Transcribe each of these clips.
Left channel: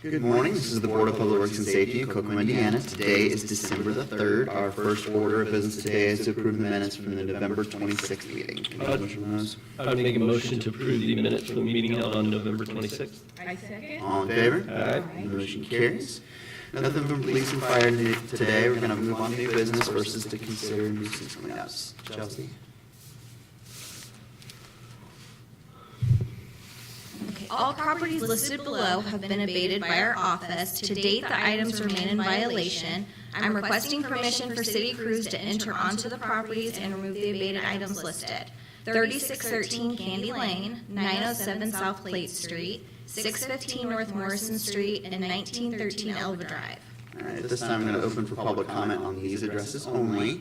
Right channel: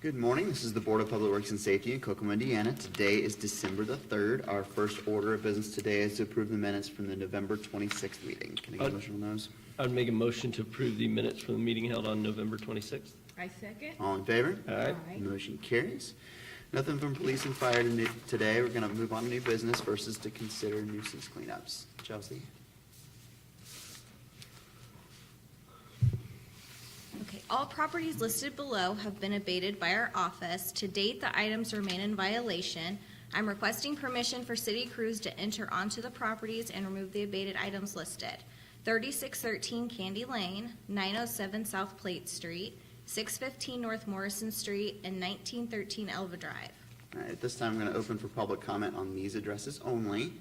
Good morning. This is the Board of Public Works and Safety in Kokomo, Indiana. Today is December the 3rd. Our first order of business today is to approve the minutes from the November 26th meeting. Can I get a motion on those? I would make a motion to approve the minutes from the meeting held on November 26th. I second. All in favor? Aye. Motion carries. Nothing from police and fire today. We're going to move on to new business versus to consider nuisance cleanups. Chelsea? All properties listed below have been abated by our office. To date, the items remain in violation. I'm requesting permission for city crews to enter onto the properties and remove the abated items listed. 3613 Candy Lane, 907 South Plate Street, 615 North Morrison Street, and 1913 Elba Drive. All right, this time I'm going to open for public comment on these addresses only.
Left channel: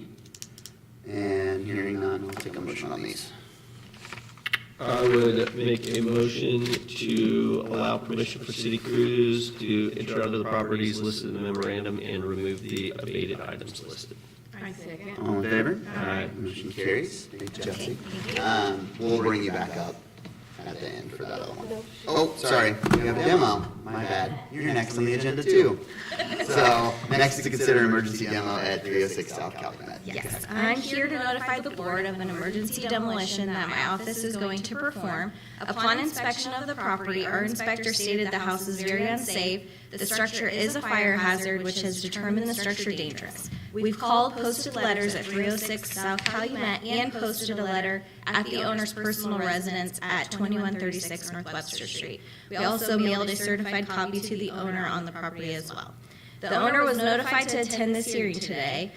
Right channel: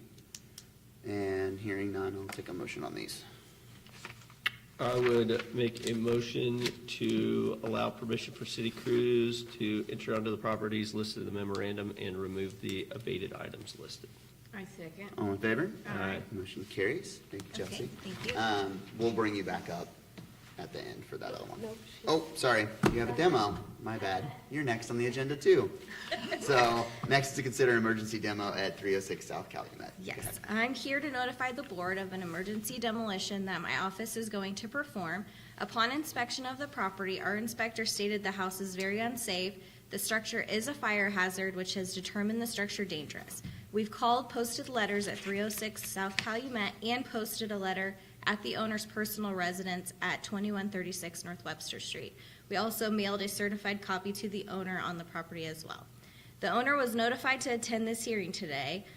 And hearing none, we'll take a motion on these. I would make a motion to allow permission for city crews to enter onto the properties listed in the memorandum and remove the abated items listed. I second. All in favor? Aye. Motion carries. Thank you, Jesse. Thank you. We'll bring you back up at the end for that other one. Oh, sorry, we have a demo. My bad. You're next on the agenda too. So, next to consider an emergency demo at 306 South Calumet. Yes, I'm here to notify the board of an emergency demolition that my office is going to perform. Upon inspection of the property, our inspector stated the house is very unsafe. The structure is a fire hazard, which has determined the structure dangerous. We've called, posted letters at 306 South Calumet, and posted a letter at the owner's personal residence at 2136 North Webster Street. We also mailed a certified copy to the owner on the property as well. The owner was notified to attend this hearing today.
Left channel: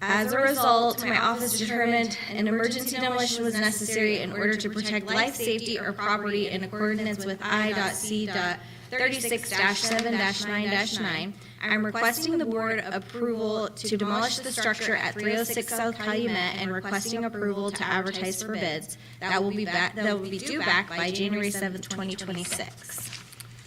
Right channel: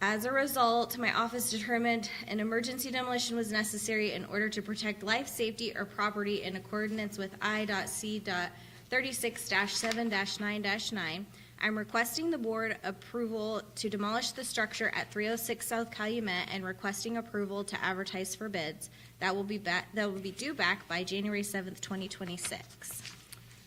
As a result, my office determined an emergency demolition was necessary in order to protect life, safety, or property in accordance with I.C.36-7-9-9. I'm requesting the board approval to demolish the structure at 306 South Calumet and requesting approval to advertise for bids. That will be due back by January 7th, 2026.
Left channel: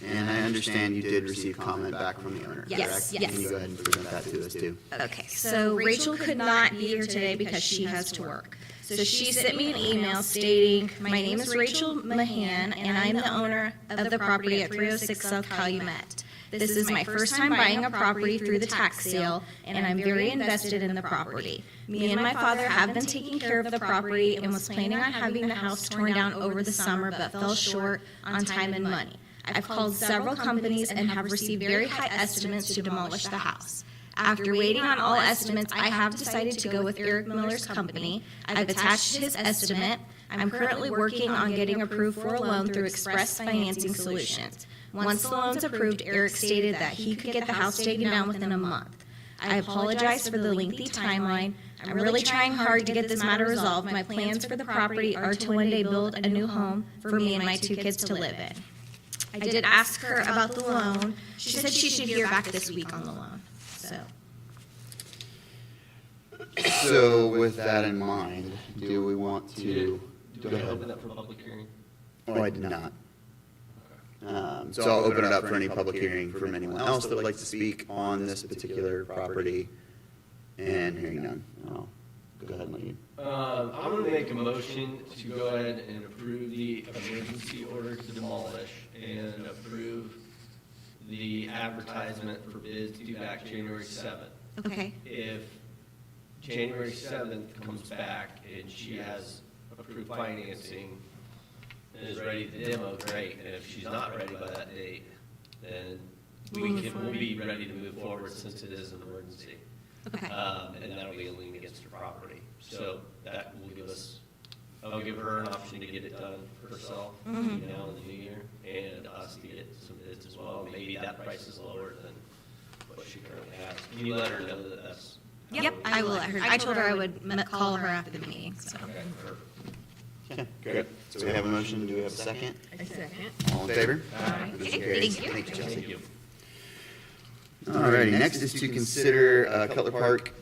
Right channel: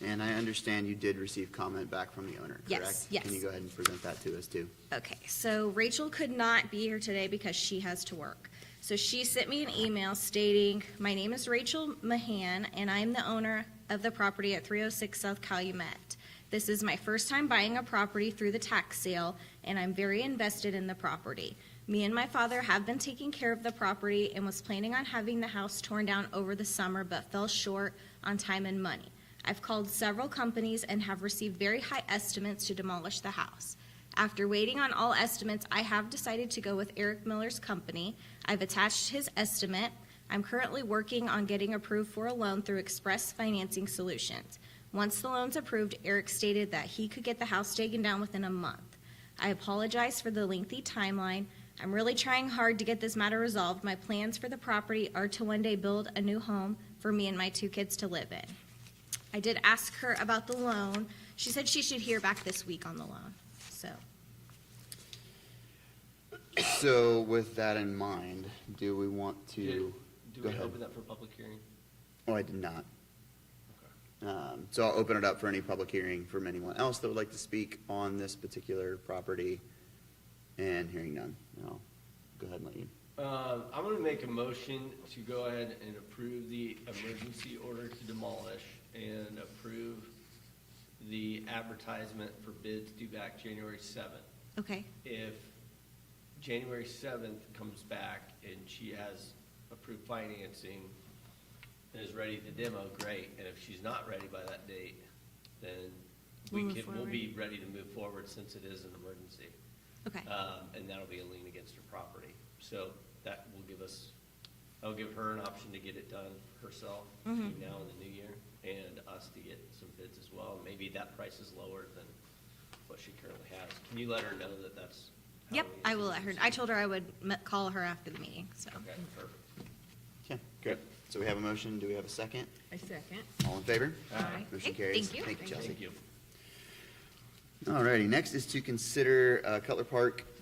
And I understand you did receive comment back from the owner, Yes, correct? yes. Can you go ahead and present that to us too? Okay, so Rachel could not be here today because she has to work. So she sent me an email stating, my name is Rachel Mahan, and I'm the owner of the property at 306 South Calumet. This is my first time buying a property through the tax sale, and I'm very invested in the property. Me and my father have been taking care of the property and was planning on having the house torn down over the summer, but fell short on time and money. I've called several companies and have received very high estimates to demolish the house. After waiting on all estimates, I have decided to go with Eric Miller's company. I've attached his estimate. I'm currently working on getting approved for a loan through Express Financing Solutions. Once the loan's approved, Eric stated that he could get the house taken down within a month. I apologize for the lengthy timeline. I'm really trying hard to get this matter resolved. My plans for the property are to one day build a new home for me and my 2 kids to live in. I did ask her about the loan. She said she should hear back this week on the loan. So with that in mind, do we want to Do go we ahead? open that for public hearing? Oh, I did not. So I'll open it up for any public hearing from anyone else that would like to speak on this particular property. And hearing none, I'll go ahead and leave. I'm going to make a motion to go ahead and approve the emergency order to demolish and approve the advertisement for bids due back January 7th. Okay. If January 7th comes back and she has approved financing and is ready to demo, great. And if she's not ready by that date, then we'll be ready to move forward since it is an emergency. Okay. And that'll be a lien against the property. So that will give us, I'll give her an option to get it done herself, in the new year, and us to get some bids as well. Maybe that price is lower than what she currently has. Can you let her know that that's? Yep, I will let her. I told her I would call her after the meeting, so. Okay, perfect. Okay, great. So we have a motion, do we have a second? I second. All in favor? Aye. Motion Okay, carries. thank you. Thank you, Chelsea. Thank you. Alrighty, next is to consider Cutler Park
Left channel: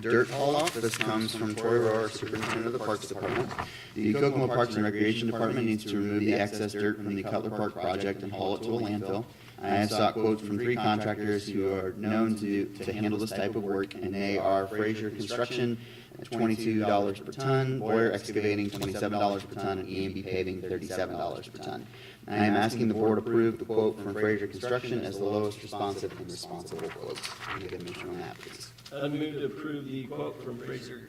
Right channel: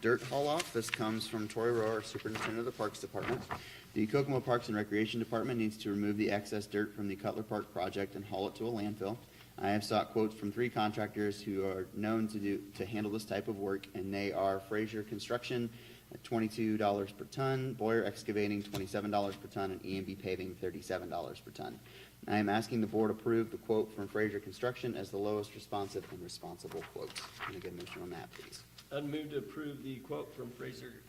dirt haul-off. This comes from Tori Rohr, Superintendent of the Parks Department. The Kokomo Parks and Recreation Department needs to remove the excess dirt from the Cutler Park project and haul it to a landfill. I have sought quotes from 3 contractors who are known to handle this type of work, and they are Frazier Construction at $22 per ton, Boyer Excavating $27 per ton, and EMB Paving $37 per ton. I am asking the board approve the quote from Fraser Construction as the lowest responsive and responsible quote. Can you get a motion on that, please? I move to approve the quote from Fraser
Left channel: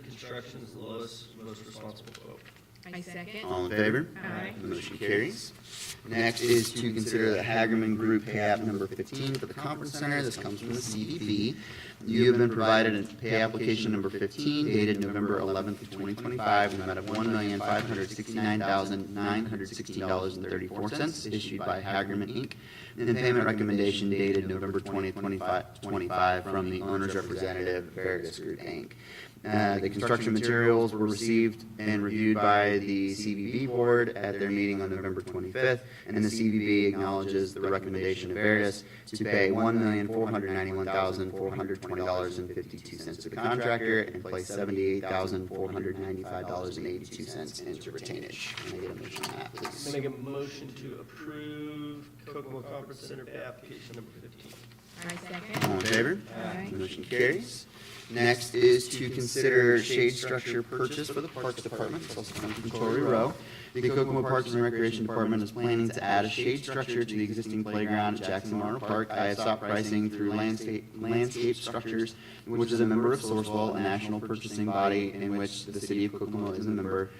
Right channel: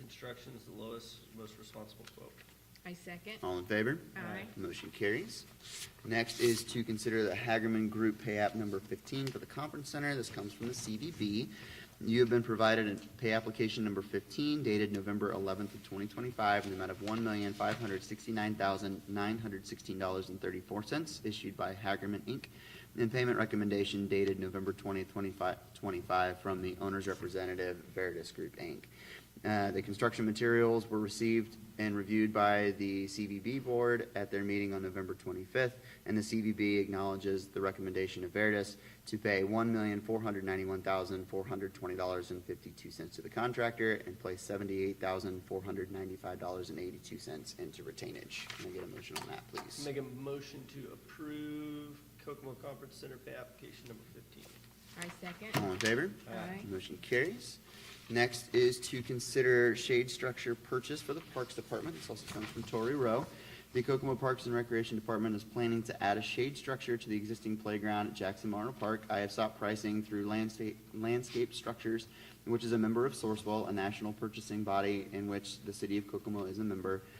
Construction as the lowest, most responsible quote. I second. All in favor? Aye. Motion carries. Next is to consider the Hagerman Group pay app number 15 for the conference center. This comes from the CEB. You have been provided a pay application number 15 dated November 11th, 2025, in the amount of $1,569,916.34 issued by Hagerman Inc. And payment recommendation dated November 2025 from the owner's representative, Veritas Group Inc. The construction materials were received and reviewed by the CBB board at their meeting on November 25th, and the CBB acknowledges the recommendation of Veritas to pay $1,491,420.52 to the contractor and place $78,495.82 into retainage. Can I get a motion on that, please? Make a motion to approve Kokomo Conference Center pay application number 15. I second. All in favor? Aye. Motion carries. Next is to consider shade structure purchase for the Parks Department, so it's coming from Tory Row. The Kokomo Parks and Recreation Department is planning to add a shade structure to the existing playground at Jackson Memorial Park. I have sought pricing through Landscape Structures, which is a member of Sourcewell, a national purchasing body in which the city of Kokomo is a member,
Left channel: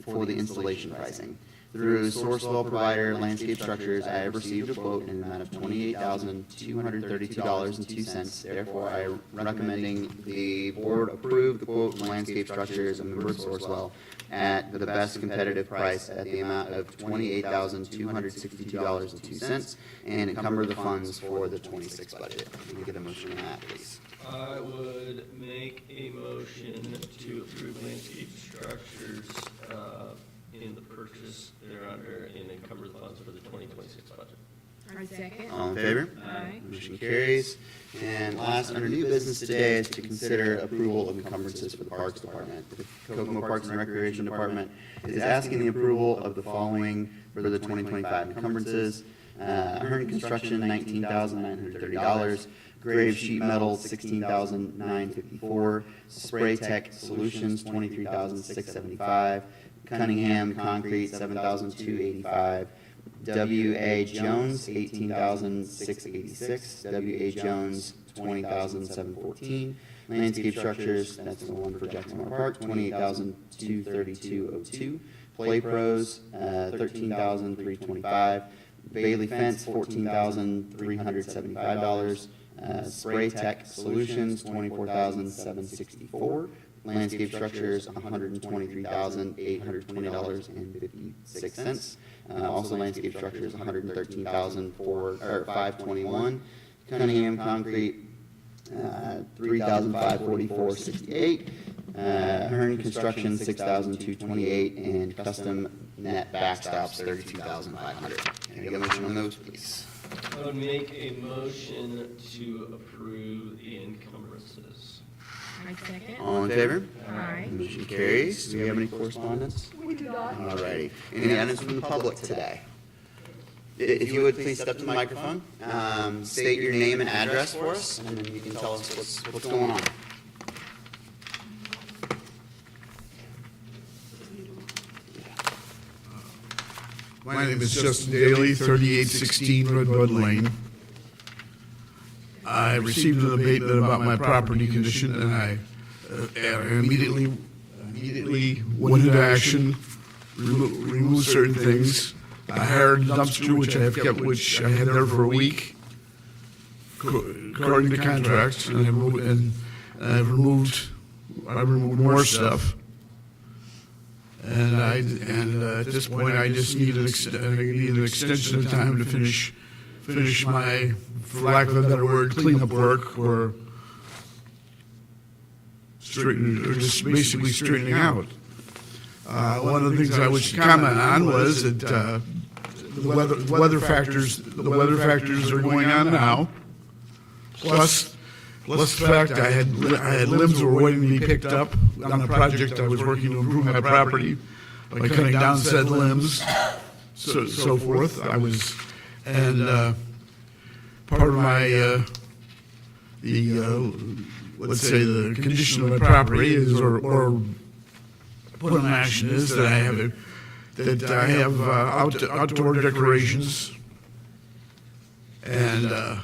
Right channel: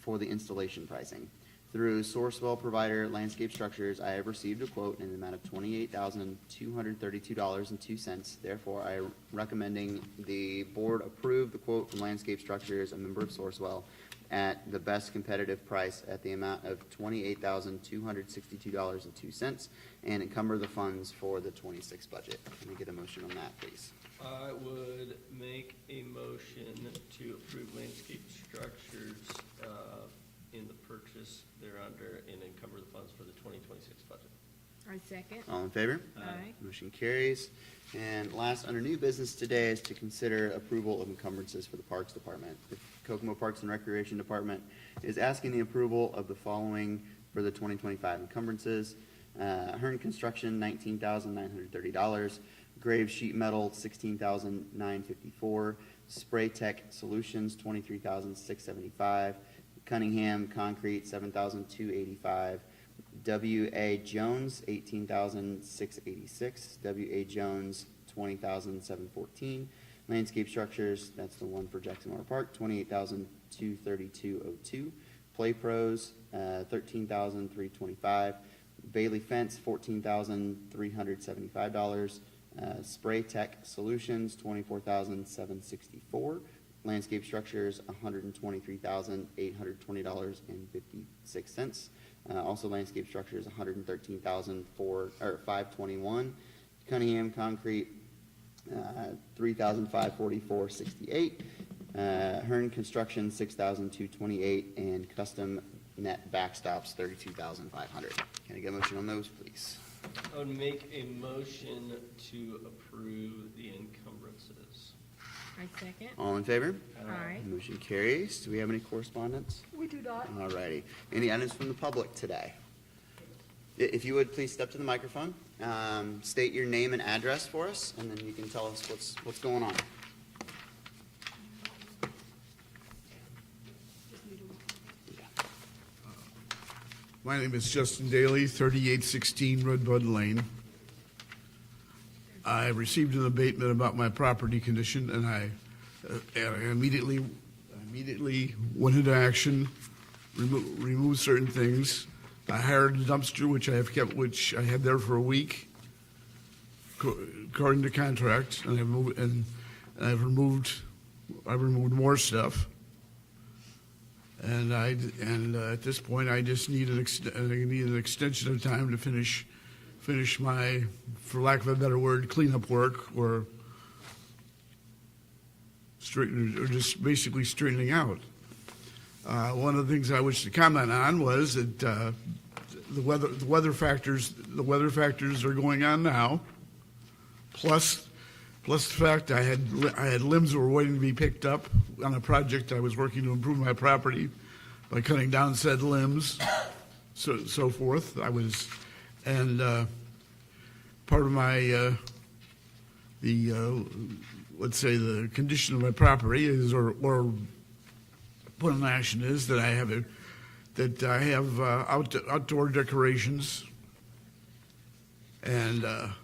for the installation pricing. Through Sourcewell provider Landscape Structures, I have received a quote in the amount of $28,232.02. Therefore, I am recommending the board approve the quote from Landscape Structures and member Sourcewell at the best competitive price at the amount of $28,262.02 and encumber the funds for the 26 budget. Can you get a motion on that, please? I would make a motion to approve Landscape Structures in the purchase thereunder and cover the funds for the 2026 budget. I second. All in favor? Aye. Motion carries. And last, under new business today, is to consider approval of encumbrances for the Parks Department. The Kokomo Parks and Recreation Department is asking the approval of the following for the 2025 encumbrances. Herman Construction, $19,930. Grave Sheet Metal, $16,954. Spray Tech Solutions, $23,675. Cunningham Concrete, $7,285. W.A. Jones, $18,686. W.A. Jones, $20,714. Landscape Structures, that's the one for Jackson Memorial Park, $28,232.02. Play Pros, $13,325. Bailey Fence, $14,375. Spray Tech Solutions, $24,764. Landscape Structures, $123,820.56. Also, Landscape Structures, $113,521. Cunningham Concrete, $3,544.68. Hearn Construction, $6,228, and Custom Net Backstops, $32,500. Can I get a motion on those, please? I would make a motion to approve the encumbrances. I second. All in favor? Aye. Motion carries. Do we have any correspondence? We do not. All right. Any items from the public today? If you would please step up to the microphone, state your name and address for us, and then you can tell us what's going on. My name is Justin Daly, 3816 Redwood Lane. I received an abatement about my property condition, and I immediately went into action, removed certain things. I hired a dumpster, which I had there for a week, according to contracts, and I removed more stuff. And at this point, I just needed an extension of time to finish my, for lack of a better word, cleanup work, or just basically straightening out. One of the things I wish to comment on was that the weather factors are going on now, plus the fact I had limbs were waiting to be picked up on a project I was working to improve my property by cutting down said limbs, so forth. Part of my let's say the condition of my property is, or put in action is that I have that I have outdoor decorations, and the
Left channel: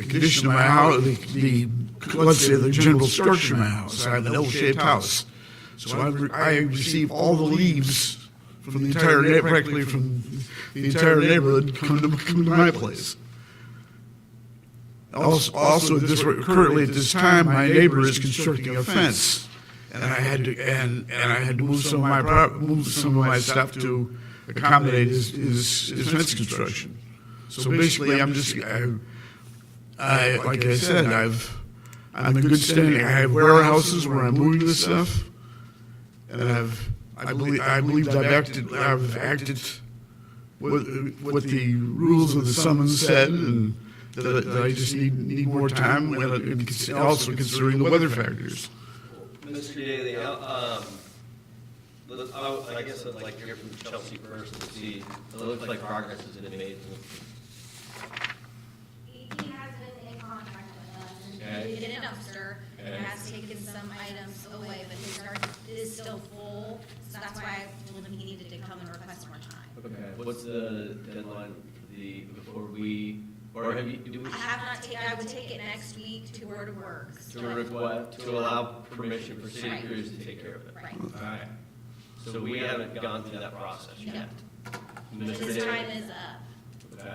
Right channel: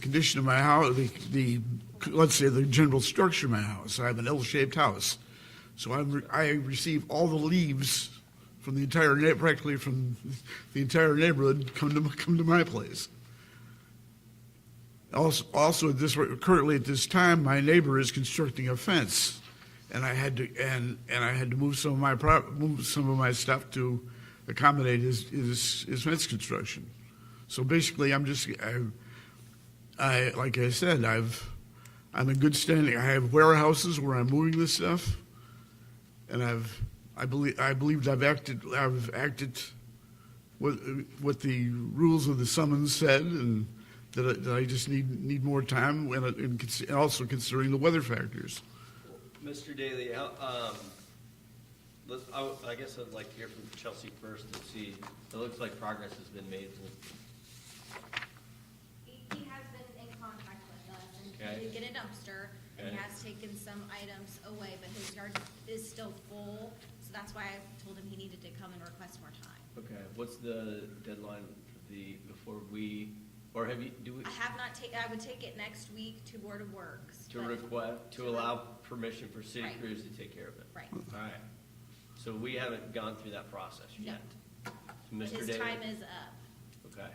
condition of my house, let's say the general structure of my house, I have an L-shaped house. So I receive all the leaves from the entire practically from the entire neighborhood come to my place. Also, currently at this time, my neighbor is constructing a fence, and I had to move some of my stuff to accommodate his fence construction. So basically, like I said, I'm in good standing. I have warehouses where I'm moving this stuff, and I believe I've acted what the rules of the summons said, and that I just need more time, and also considering the weather factors. Mr. Daly, I guess I'd like to hear from Chelsea first and see, it looks like progress has been amazing. He has been in contact with us, and Okay. he did a dumpster, and he has taken some items away, but his yard is still full, so that's why I told him he needed to come and request more time. Okay. What's the deadline, before we, or have you, do we? I have not taken, I would take it next week to Word Works. To allow permission for city Right. crews to take care of it? Right. Alright. So we haven't gone through that process No. yet? Mr. His Daly? time is up. Okay.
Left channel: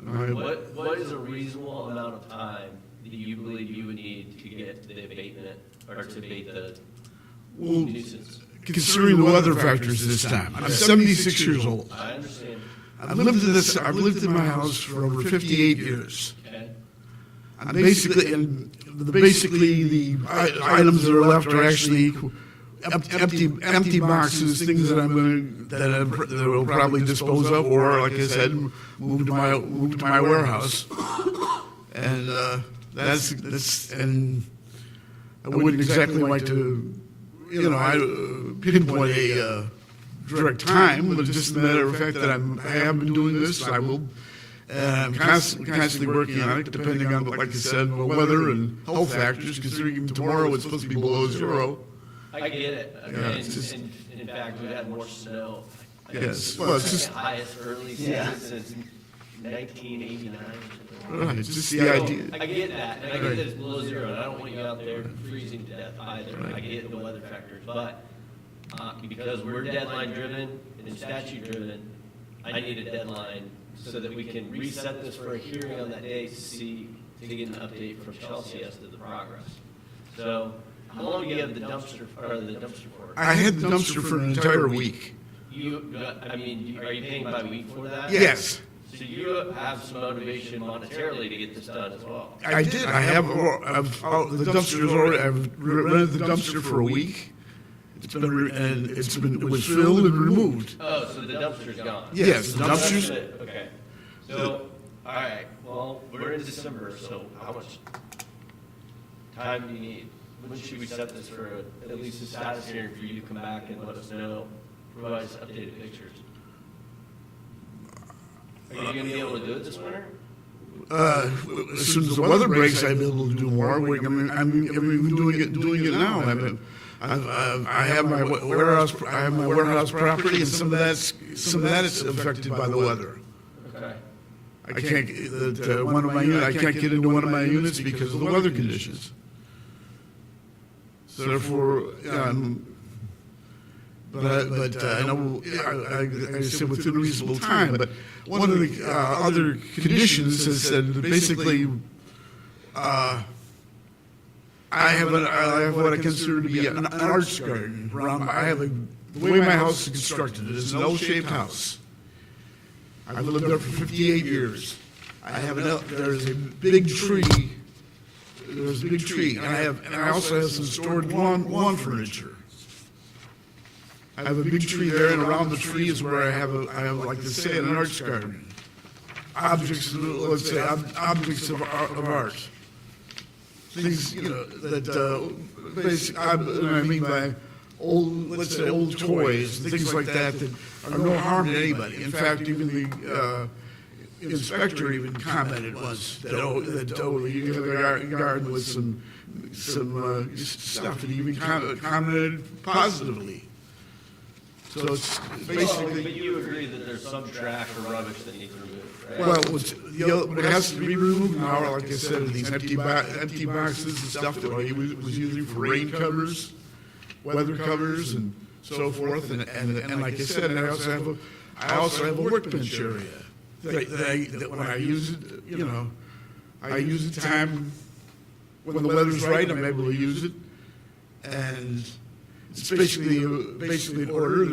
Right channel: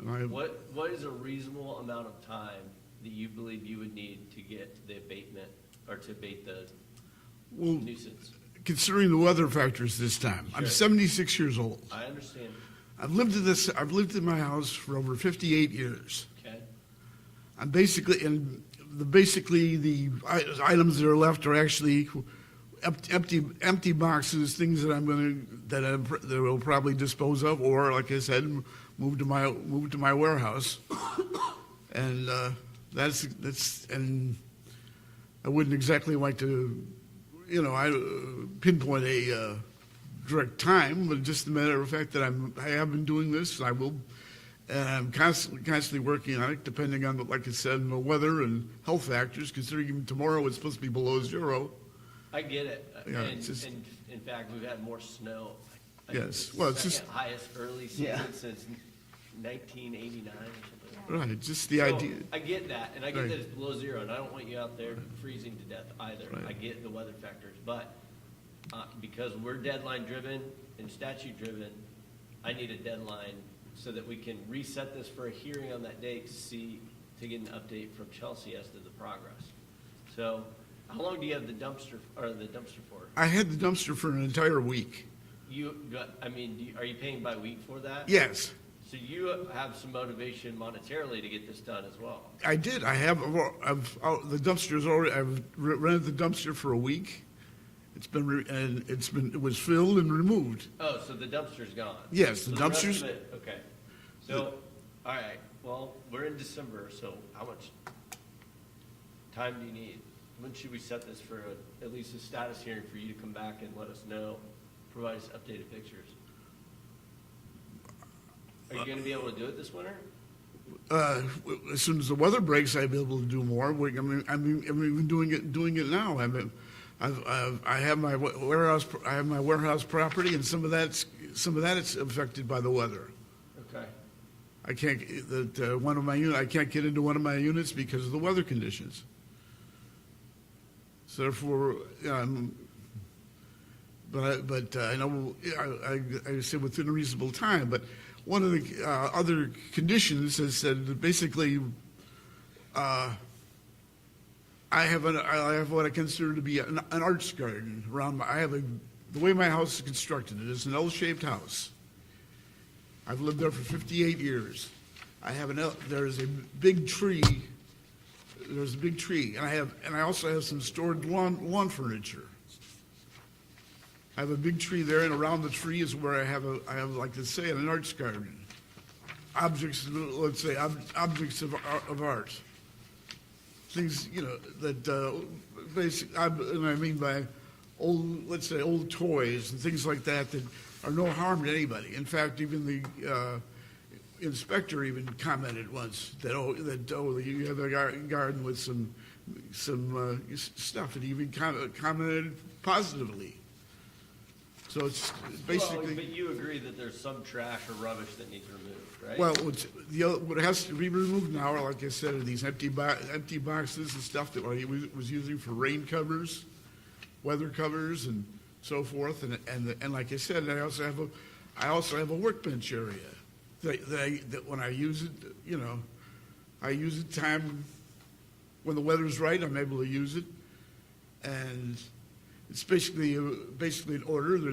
And What is a reasonable amount of time that you believe you would need to get the abatement, or to abate the Well, nuisance? considering the weather factors this time, I'm 76 years old. I understand. I've lived in my house for over 58 years. Okay. I'm basically the items that are left are actually empty boxes, things that that will probably dispose of, or like I said, move to my warehouse. And that's and I wouldn't exactly like to, pinpoint a direct time, but just a matter of fact that I have been doing this. I will. Constantly working on it, depending on, like I said, the weather and health factors, considering tomorrow it's supposed to be below zero. I get it. Yeah, And it's just- in fact, we've had more snow. Yes, well, it's just- The highest early Yeah. season since 1989. Right, it's just the idea. I get that, and I get that it's below zero, and I don't want you out there freezing to death either. I get the weather factors, but because we're deadline driven and statute driven, I need a deadline so that we can reset this for a hearing on that day to get an update from Chelsea as to the progress. So, how long do you have the dumpster for? I had the dumpster for an entire week. Are you paying by week for that? Yes, So you have some motivation monetarily to get this done as well. I did. I've rented the dumpster for a week. It was filled and removed. Oh, so the dumpster's gone? Yes, the That's dumpster's. it. Okay. So, all right, well, we're in December, so how much time do you need? When should we set this for at least a status hearing for you to come back and let us know, provide us updated pictures? Are you gonna be able to do it this winter? As soon as the weather breaks, I'll be able to do more. I'm doing it now. I have my warehouse property, and some of that's affected by the weather. Okay. I can't I can't get into one of my units because of the weather conditions. So therefore, but I know I said within reasonable time. But one of the other conditions is that basically, I have what I consider to be an arts garden. The way my house is constructed is an L-shaped house. I've lived there for 58 years. There's a big tree. There's a big tree, and I also have some stored lawn furniture. I have a big tree there, and around the tree is where I have like to say, an arts garden. Objects of art. Things, that I mean by old toys, things like that are no harm to anybody. In fact, even the inspector even commented once that you have a garden with some stuff, and even commented positively. So it's Well, basically, but you agree that there's some trash or rubbish that needs removed, right? well, what has to be removed now, like I said, these empty boxes and stuff that was using for rain covers, weather covers and so forth, and like I said, I also have a workbench area that when I use it, you know, I use the time when the weather's right, I'm able to use it, and it's basically in order.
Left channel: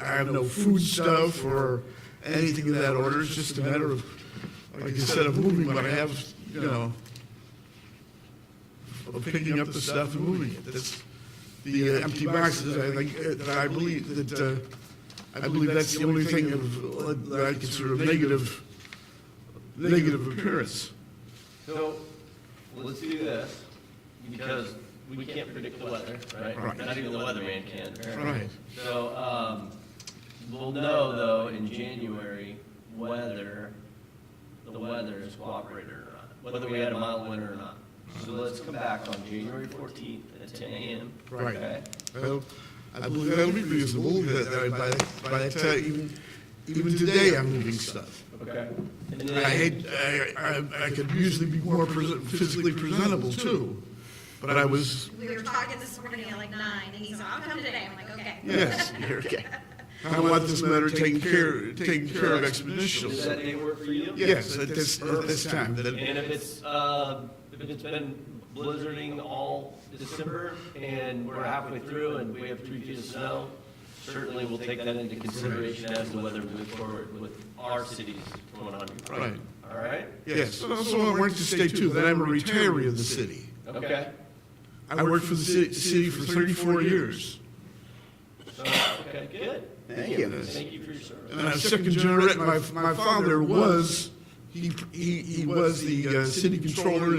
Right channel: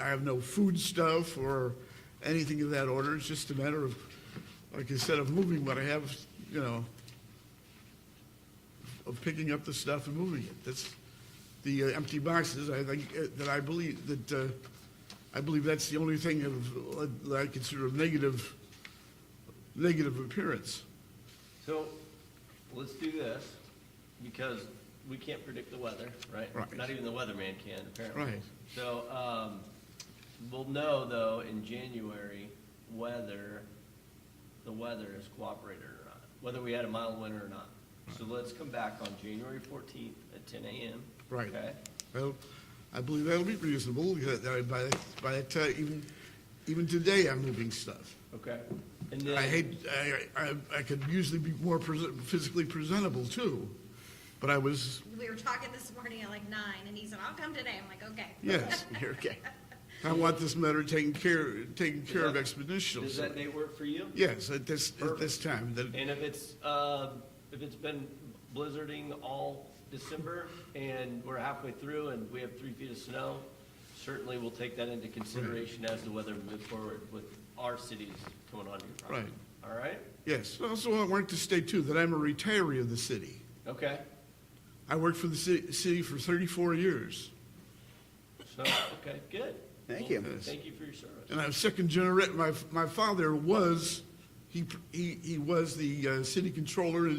I have no food stuff or anything of that order. It's just a matter of, like I said, of moving what I have, you know, of picking up the stuff and moving it. That's the empty boxes. I believe that's the only thing that I consider negative appearance. So, let's do this, because we can't predict the weather, right? Right. Not even the weatherman can, apparently. Right. So, we'll know, though, in January, whether the weather is cooperating or not, whether we had a mild winter or not. So let's come back on January 14th at 10 a.m. Right. Okay? Well, I believe that'll be reasonable, because by that time, even today, I'm moving stuff. Okay. And I then, I could usually be more physically presentable too, but I was, We were talking this morning at like 9, and he said, I'll come today. I'm like, okay. yes, Okay. I want this matter taken care of does expeditiously. that day work for you? Yes, at this time, And if it's been blizzarding all December, and we're halfway through, and we have 3 feet of snow, certainly we'll take that into consideration as to whether to move forward with our cities going on. Right. All right? yes. Also, I wanted to say too, that I'm a retiree of the city. Okay. I worked for the city for 34 years. So, okay, good. Thank you. Thank you for your service. And I'm second generation, my father was, he was the city controller and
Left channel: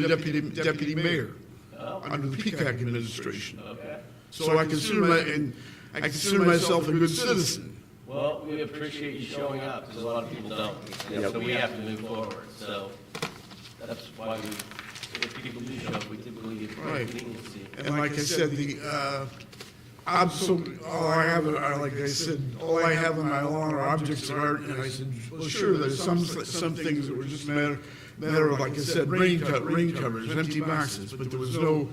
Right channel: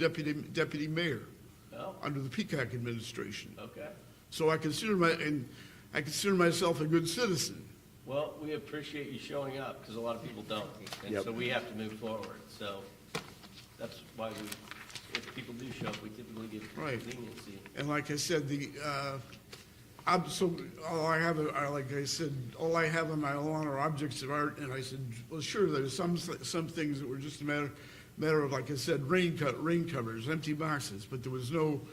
deputy mayor Oh, under the Peacock administration. okay. So I consider myself a good citizen. Well, we appreciate you showing up, because a lot of people don't. And so we have to move forward. So that's why if people do show up, we typically Right. meetings. And like I said, all I have in my lawn are objects of art, and I said, well, sure, there's some things that were just a matter of, like I said, rain covers, empty boxes, but there was no,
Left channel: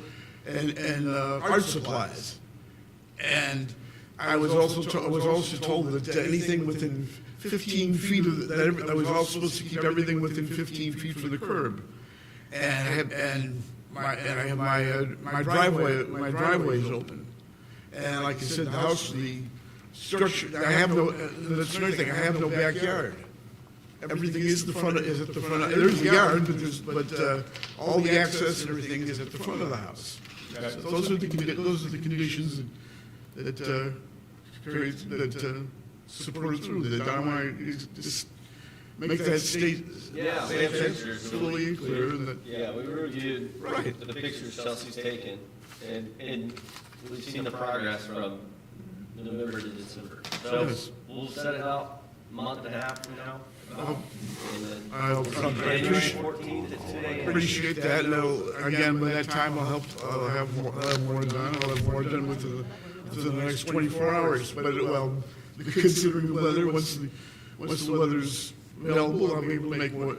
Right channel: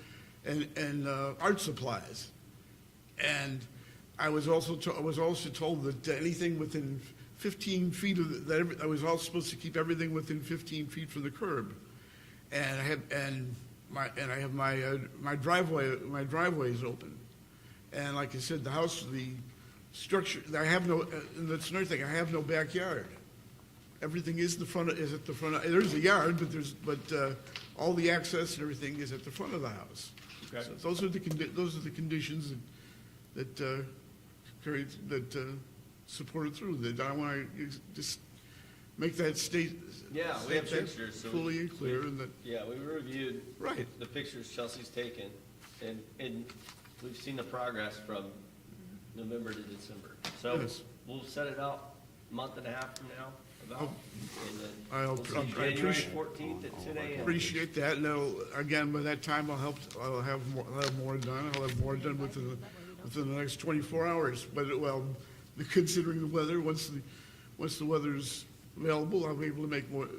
and art supplies. And I was also told that anything within 15 feet that I was also supposed to keep everything within 15 feet from the curb. And my driveway is open. And like I said, the house, the structure, I have that's another thing, I have no backyard. Everything is at the front, there's the yard, but all the access and everything is at the front of the house. Those are the conditions that support through, that I want to just make that state Yeah, we have pictures. fully clear that, Yeah, we reviewed right. the pictures Chelsea's taken, and we've seen the progress from November to December. So Yes. we'll set it out a month and a half from now, about, and then I January 14th at 10 a.m. appreciate that. Again, by that time, I'll have more done. I'll have more done within the next 24 hours. But the considering weather, once the weather's available, I'll be able to make more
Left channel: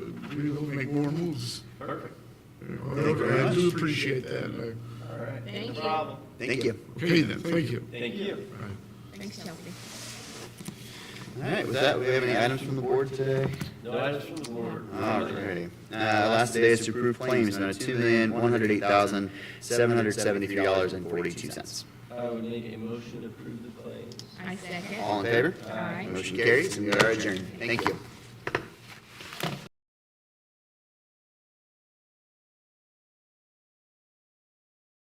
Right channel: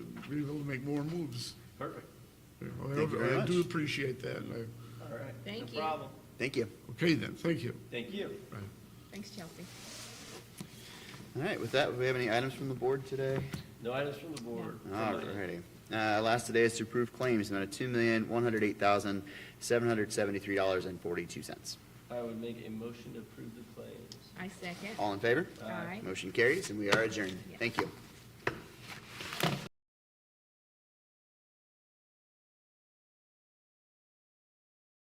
moves. Perfect. I do appreciate that. All right. Thank No you. problem. Thank you. Okay then, thank you. Thank you. Thanks, Shelby. All right, with that, we have any items from the board today? No items from the board. All right. Last today is to approve claims on $2,108,773.42. I would make a motion to approve the claims. I second. All in favor? Aye. Motion carries, and we are adjourned. Thank you.